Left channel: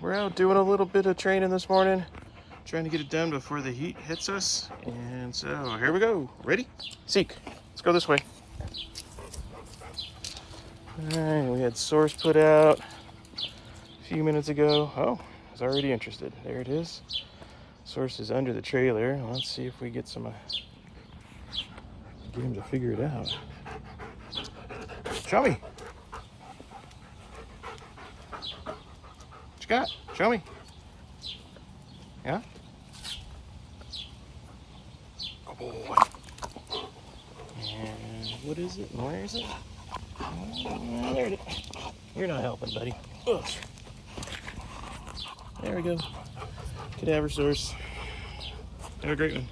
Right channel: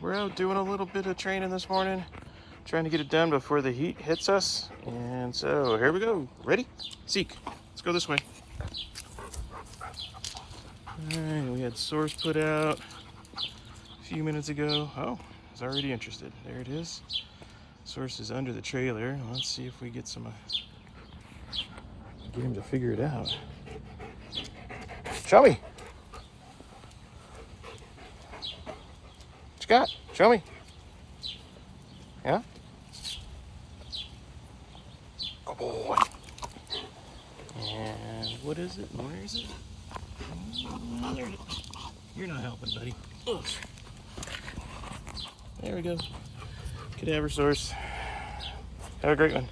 we're out doing a little bit of training this morning, trying to get it done before the heat hits us. And so here we go. Ready? Seek. Let's go this way. All right, we had source put out a few minutes ago. Oh, it's already interested. There it is. Source is under the trailer. Let's see if we get some. Get him to figure it out. Show me. What you got? Show me. Yeah? Good boy. And what is it? Where is it? There it is. You're not helping, buddy. Ugh. There we go. Cadaver source. Have a great one.